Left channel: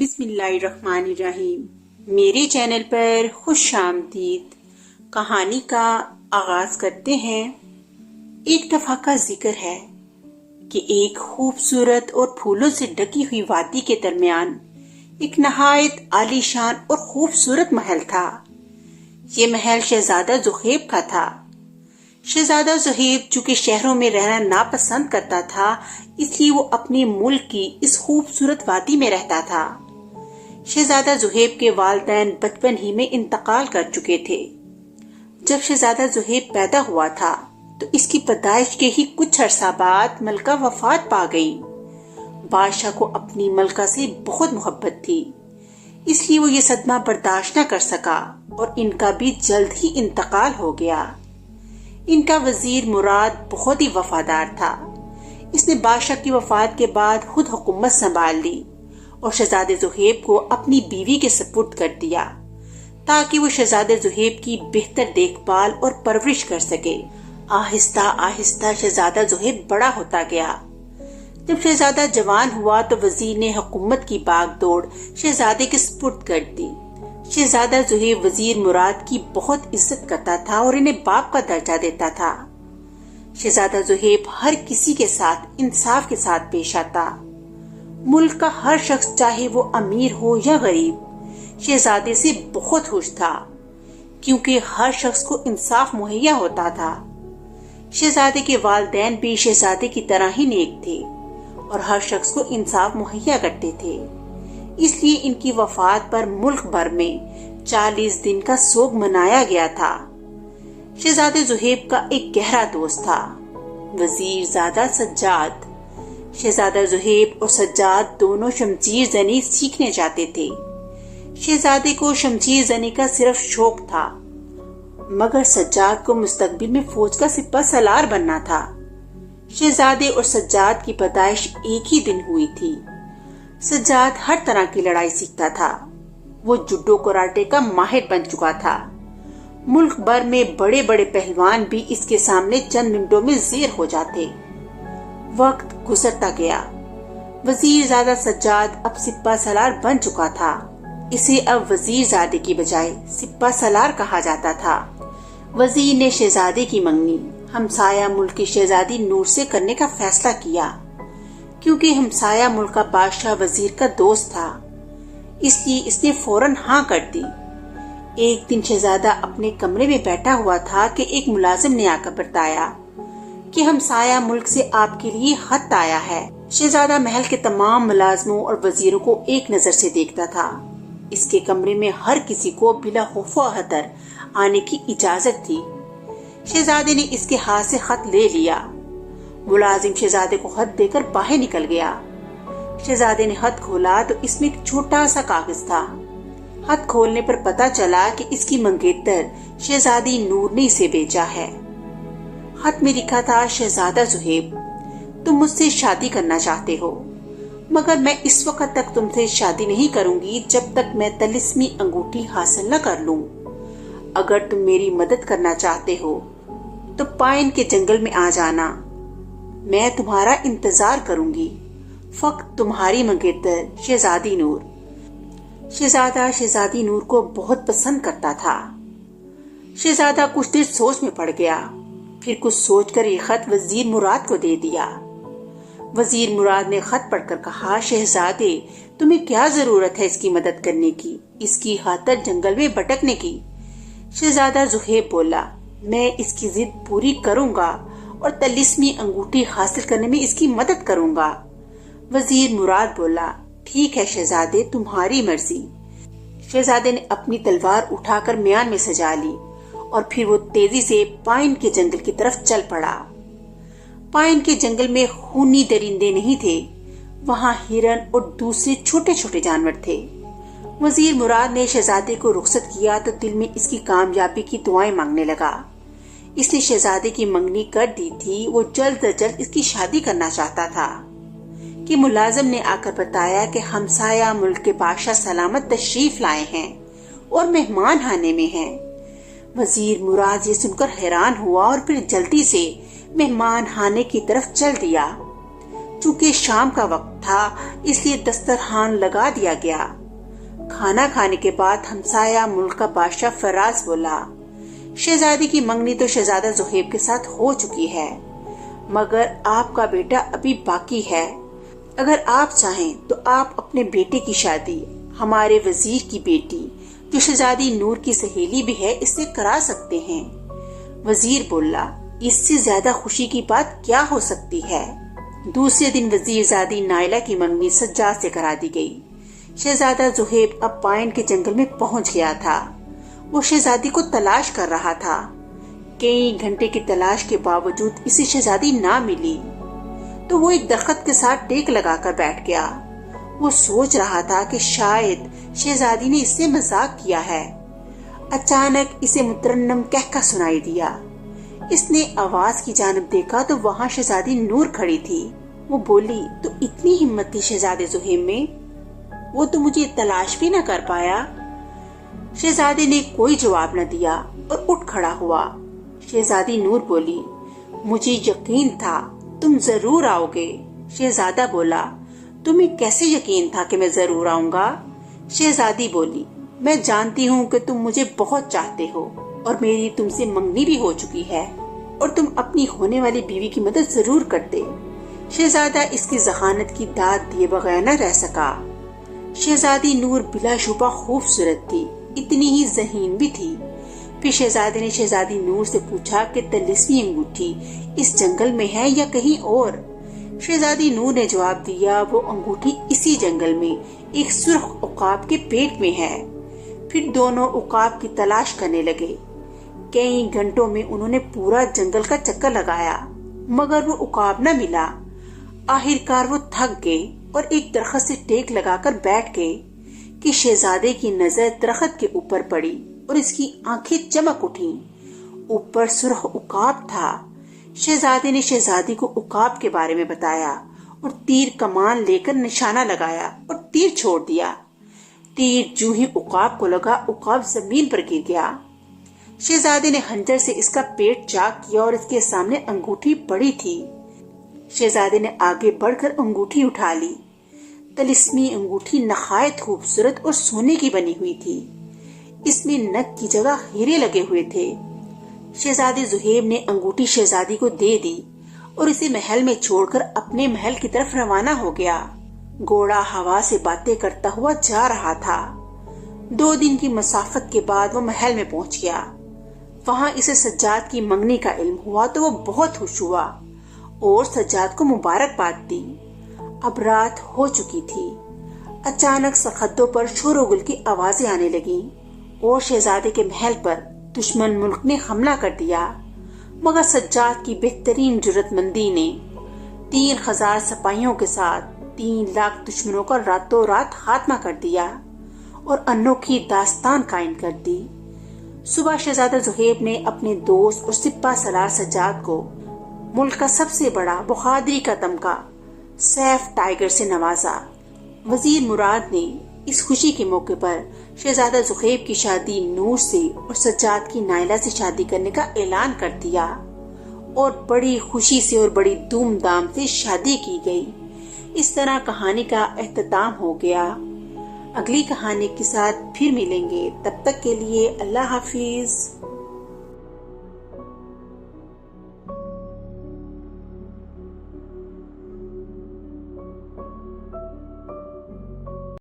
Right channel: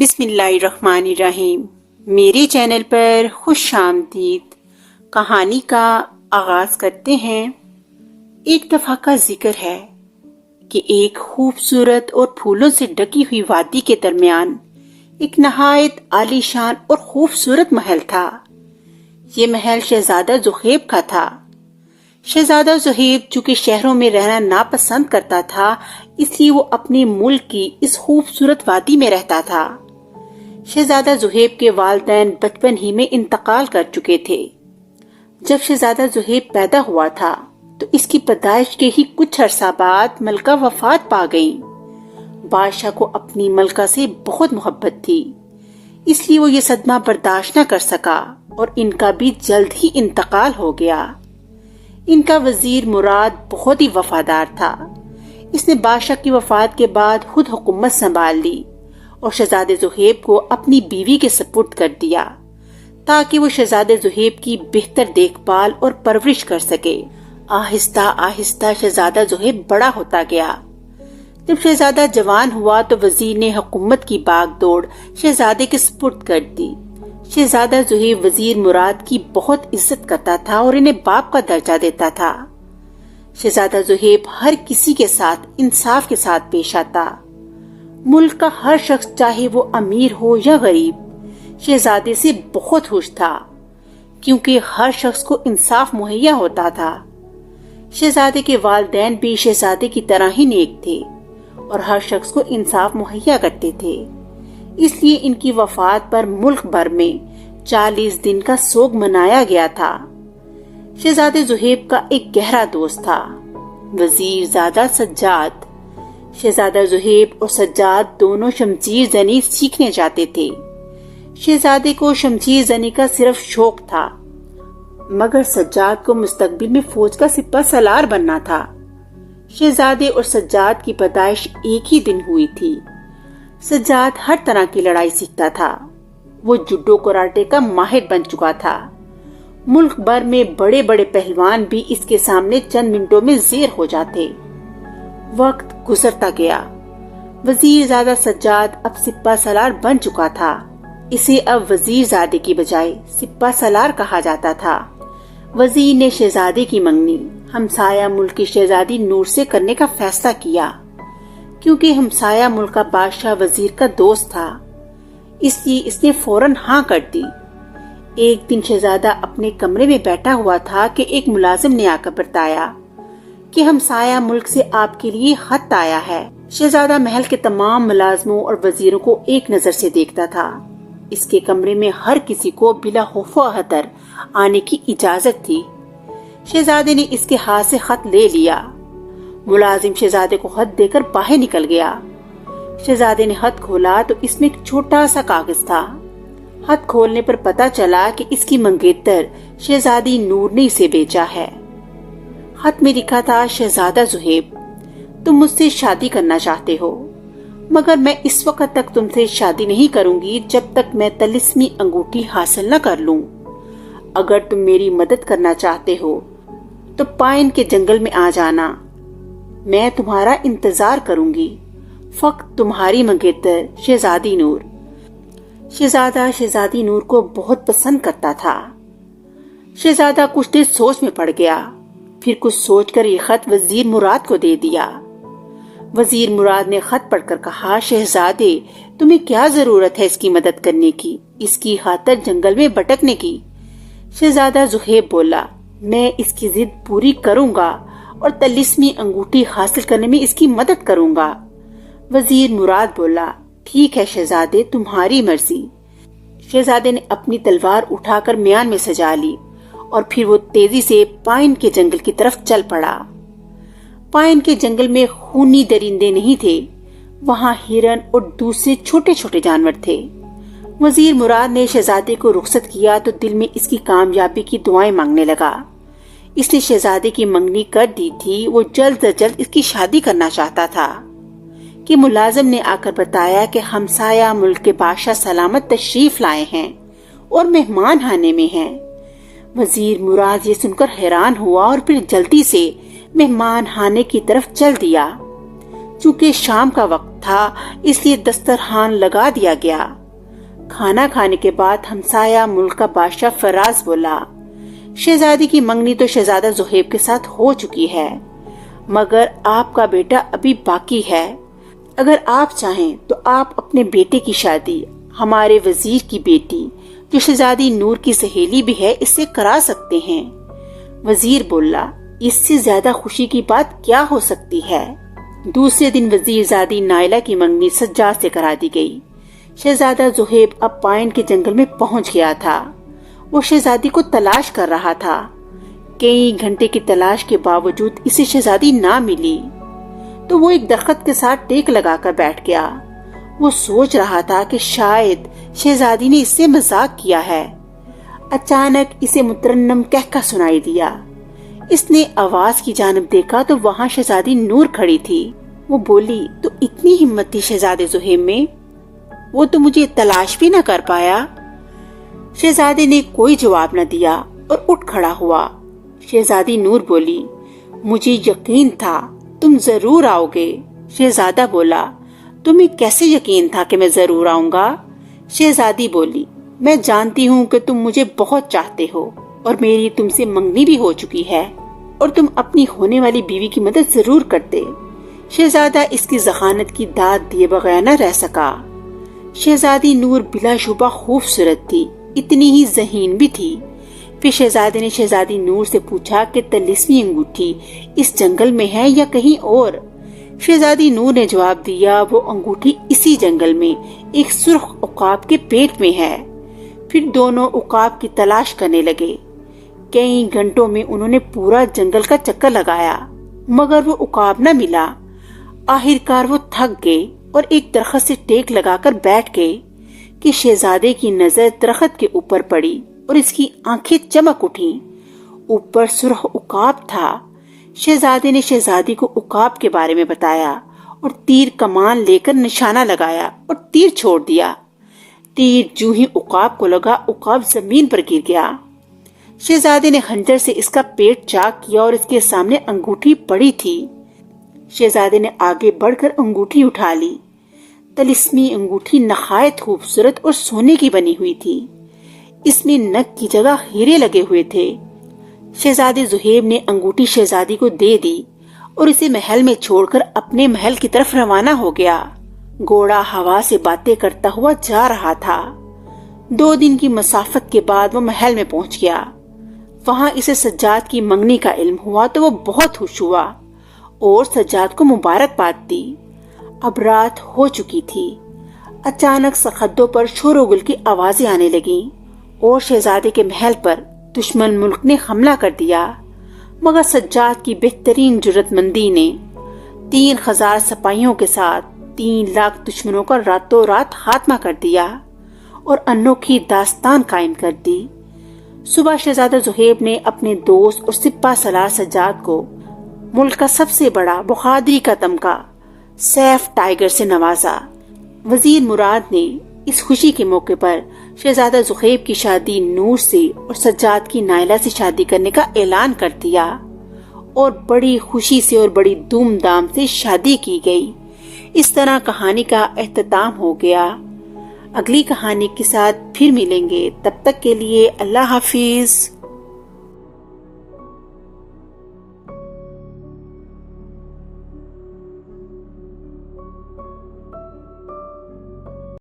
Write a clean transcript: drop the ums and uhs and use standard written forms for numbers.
بسم اللہ الرحمن الرحیم۔ میرے چینل پر خوش آمدید۔ کہانی کا آغاز کرتے ہیں۔ ایک دفعہ کا ذکر ہے کہ ایک خوبصورت اور پھولوں سے ڈکی ہوئی وادی کے درمیان ایک نہایت عالی شان اور خوبصورت محل تھا۔ یہ محل شہزادہ زحیب کا تھا۔ شہزادہ زحیب چونکہ شہروں میں رہنا ناپسند کرتا تھا، اس لیے وہ اپنے ملک کی اس خوبصورت وادی میں رہتا تھا۔ شہزادہ زحیب کے والدین بچپن ہی میں انتقال کر چکے تھے۔ جب شہزادہ زحیب پیدا ہوا تھا تو اس کی پیدائش کے ہی کچھ عرصہ بعد ملکہ وفات پا گئی۔ بادشاہ کو اپنی ملکہ سے بہت محبت تھی، اس لیے وہ یہ صدمہ برداشت نہ کر سکا اور ان کا بھی جلد ہی انتقال ہو گیا۔ ان کا وزیر مراد بہت ہی وفادار تھا۔ اس نے بادشاہ کی وفات کے بعد خود حکومت سنبھال لی اور شہزادہ زحیب کو اپنی بیوی کے سپرد کر دیا تاکہ وہ شہزادہ زحیب کی بہتر دیکھ بھال اور پرورش کر سکے۔ آہستہ آہستہ شہزادہ زحیب بڑا ہوتا گیا۔ جب شہزادہ جوان ہوا تو وزیر نے حکومت کی باغ دوڑ شہزادے کے سپرد کر دی۔ شہزادہ زحیب وزیر مراد کی بہت عزت کرتا تھا اور انہیں باپ کا درجہ دیتا تھا۔ شہزادہ زحیب ہر کسی کے ساتھ انصاف کے ساتھ پیش آتا۔ ملک کا ہر شخص چاہے وہ امیر ہو یا غریب شہزادے سے بہت خوش تھا، کیونکہ ہر شخص کو انصاف مہیا ہوتا تھا۔ شہزادے کے والدین بھی شہزادے کی طرح ہی نیک تھے اور ہر شخص کو انصاف مہیا کرتے تھے، اس لیے ان کی وفات پر ملک بھر میں 40 دن کا سوگ منایا گیا تھا۔ شہزادہ زحیب کا ایک گہرا دوست تھا، وزیر زادہ سجاد۔ شہزادہ زحیب اور سجاد دونوں شمشیر زنی سیکھنے جاتے تھے۔ شہزادے کو شمشیر زنی کا صرف شوق تھا، مگر سجاد کو مستقبل میں فوج کا سپہ سالار بننا تھا۔ شہزادے اور سجاد کی پیدائش ایک ہی دن ہوئی تھی۔ سجاد ہر طرح کی لڑائی سیکھتا تھا، وہ جوڈو کراٹے کا ماہر بن چکا تھا۔ ملک بھر میں بڑے بڑے پہلوان بھی اس کے سامنے چند منٹوں میں زیر ہو جاتے۔ وقت گزرتا گیا۔ وزیر زادہ سجاد اب سپہ سالار بن چکا تھا۔ اسے اب وزیر زادے کی بجائے سپہ سالار کہا جاتا تھا۔ وزیر نے شہزادے کی منگنی ہمسایہ ملک کی شہزادی نور سے کرنے کا فیصلہ کیا، کیونکہ ہمسایہ ملک کا بادشاہ وزیر کا دوست تھا، اس لیے اس نے فوراً ہاں کر دی۔ ایک دن شہزادہ اپنے کمرے میں بیٹھا ہوا تھا کہ ایک ملازم نے آ کر بتایا کہ ہمسایہ ملک سے آپ کے لیے خط آیا ہے۔ شہزادہ محل کے تمام ملازموں اور وزیروں کو ایک نظر سے دیکھتا تھا۔ اس کے کمرے میں ہر کسی کو بلا خوف و خطر آنے کی اجازت تھی۔ شہزادے نے اس کے ہاتھ سے خط لے لیا۔ ملازم شہزادے کو خط دے کر باہر نکل گیا۔ شہزادے نے خط کھولا تو اس میں ایک چھوٹا سا کاغذ تھا۔ خط کھولنے پر پتا چلا کہ اس کی منگیتر شہزادی نور نے اسے بیچا ہے۔ خط میں لکھا تھا، شہزادہ زحیب، تم مجھ سے شادی کرنا چاہتے ہو، مگر میں اس وقت تک تم سے شادی نہیں کروں گی جب تک میں طلسمی انگوٹھی حاصل نہ کر لوں۔ اگر تم میری مدد کرنا چاہتے ہو تو پائن کے جنگل میں آ جانا، میں تمہارا انتظار کروں گی۔ فقط تمہاری منگیتر شہزادی نور۔ شہزادہ شہزادی نور کو بہت پسند کرتا تھا۔ شہزادہ کچھ دیر سوچ میں پڑ گیا، پھر کچھ سوچ کر یہ خط وزیر مراد کو دے دیا۔ وزیر مراد نے خط پڑھ کر کہا، شہزادے، تمہیں کیا ضرورت ہے اس کی مدد کرنے کی، اس کی خاطر جنگل میں بھٹکنے کی؟ شہزادہ زحیب بولا، میں اس کی ضد پوری کروں گا اور طلسمی انگوٹھی حاصل کرنے میں اس کی مدد کروں گا۔ وزیر مراد بولا، ٹھیک ہے شہزادے، تمہاری مرضی۔ شہزادے نے اپنی تلوار اٹھا کر میان میں سجا لی اور پھر وہ تیزی سے پائن کے جنگل کی طرف چل پڑا۔ پائن کے جنگل میں خونی درندے نہیں تھے، وہاں ہرن اور دوسرے چھوٹے چھوٹے جانور تھے۔ وزیر مراد نے شہزادے کو رخصت کیا تو دل میں اس کی کامیابی کی دعائیں مانگنے لگا۔ اس نے شہزادے کی منگنی کر دی تھی، وہ جلد از جلد اس کی شادی کرنا چاہتا تھا کہ ملازم نے آ کر بتایا کہ ہمسایہ ملک کے بادشاہ سلامت تشریف لائے ہیں اور مہمان خانے میں ہیں۔ وزیر مراد یہ سن کر حیران ہوا اور پھر جلدی سے مہمان خانے کی طرف چل دیا۔ چونکہ شام کا وقت تھا اس لیے دسترخوان لگا دیا گیا۔ کھانا کھانے کے بعد ہمسایہ ملک کا بادشاہ فراز بولا، شہزادی کی منگنی تو شہزادہ زہیب کے ساتھ ہو چکی ہے، مگر آپ کا بیٹا ابھی باقی ہے۔ اگر آپ چاہیں تو آپ اپنے بیٹے کی شادی ہمارے وزیر کی بیٹی جو شہزادی نور کی سہیلی بھی ہے اس سے کرا سکتے ہیں۔ وزیر بولا، اس سے زیادہ خوشی کی بات کیا ہو سکتی ہے۔ دوسرے دن وزیر زادی نائلہ کی منگنی سجاد سے کرا دی گئی۔ شہزادہ زہیب اب پائن کے جنگل میں پہنچ گیا تھا۔ وہ شہزادی کو تلاش کر رہا تھا۔ کئی گھنٹے کی تلاش کے باوجود اسے شہزادی نہ ملی تو وہ ایک درخت کے ساتھ ٹیک لگا کر بیٹھ گیا۔ وہ سوچ رہا تھا کہ شاید شہزادی نے اس سے مذاق کیا ہے۔ اچانک اسے مترنم کہکا سنائی دیا۔ اس نے آواز کی جانب دیکھا تو وہاں شہزادی نور کھڑی تھی۔ وہ بولی، تو اتنی ہمت تھی شہزادے زہیب میں، وہ تو مجھے تلاش بھی نہ کر پایا۔ شہزادے نے کوئی جواب نہ دیا اور اٹھ کھڑا ہوا۔ شہزادی نور بولی، مجھے یقین تھا تم ضرور آؤ گے۔ شہزادہ بولا، تمہیں کیسے یقین تھا کہ میں ضرور آؤں گا؟ شہزادی بولی، میں جانتی ہوں کہ تم مجھے بہت چاہتے ہو اور میری تم سے منگنی بھی ہو چکی ہے اور تم اپنی ہونے والی بیوی کی مدد ضرور کرتے۔ شہزادہ اس کی ذہانت کی داد دیے بغیر نہ رہ سکا۔ شہزادی نور بلا شبہ خوبصورت تھی، اتنی ہی ذہین بھی تھی۔ پھر شہزادے نے شہزادی نور سے پوچھا کہ طلسمی انگوٹھی اس جنگل میں ہے یا کہیں اور؟ شہزادی نور نے جواب دیا، وہ انگوٹھی اسی جنگل میں ایک سرخ عقاب کے پیٹ میں ہے۔ پھر دونوں عقاب کی تلاش کرنے لگے۔ کئی گھنٹوں میں انہوں نے پورا جنگل کا چکر لگایا مگر وہ عقاب نہ ملا۔ آخرکار وہ تھک گئے اور ایک درخت سے ٹیک لگا کر بیٹھ گئے کہ شہزادے کی نظر درخت کے اوپر پڑی اور اس کی آنکھیں چمک اٹھیں۔ اوپر سرخ عقاب تھا۔ شہزادے نے شہزادی کو عقاب کے بارے میں بتایا اور تیر کمان لے کر نشانہ لگایا اور تیر چھوڑ دیا۔ تیر جو ہی عقاب کو لگا، عقاب زمین پر گر گیا۔ شہزادے نے خنجر سے اس کا پیٹ چاک کیا اور اس کے سامنے انگوٹھی پڑی تھی۔ شہزادے نے آگے بڑھ کر انگوٹھی اٹھا لی۔ طلسمی انگوٹھی نہایت خوبصورت اور سونے کی بنی ہوئی تھی۔ اس میں نگ کی جگہ ہیرے لگے ہوئے تھے۔ شہزادے زہیب نے انگوٹھی شہزادی کو دے دی اور اسے محل میں چھوڑ کر اپنے محل کی طرف روانہ ہو گیا۔ گھوڑا ہوا سے باتیں کرتا ہوا جا رہا تھا۔ 2 دن کی مسافت کے بعد وہ محل میں پہنچ گیا۔ وہاں اسے سجاد کی منگنی کا علم ہوا تو وہ بہت خوش ہوا اور سجاد کو مبارکباد دی۔ اب رات ہو چکی تھی۔ اچانک سرحدوں پر شور و گل کی آوازیں آنے لگیں اور شہزادے کے محل پر دشمن ملک نے حملہ کر دیا، مگر سجاد کی بہترین جرات مندی نے 3000 سپاہیوں کے ساتھ 3 لاکھ دشمنوں کا راتوں رات خاتمہ کر دیا اور انوکھی داستان قائم کر دی۔ صبح شہزادہ زہیب نے اپنے دوست اور سپہ سالار سجاد کو ملک کا سب سے بڑا بہادری کا تمغہ سیف ٹائیگر سے نوازا۔ وزیر مراد نے اس خوشی کے موقع پر شہزادہ زہیب کی شادی نور سے اور سجاد کی نائلہ سے شادی کرنے کا اعلان کر دیا اور بڑی خوشی سے اور بڑی دھوم دھام سے شادی کی گئی۔ اس طرح کہانی کا اختتام ہو گیا۔ اگلی کہانی کے ساتھ پھر ملیں گے، تب تک کے لیے اللہ حافظ۔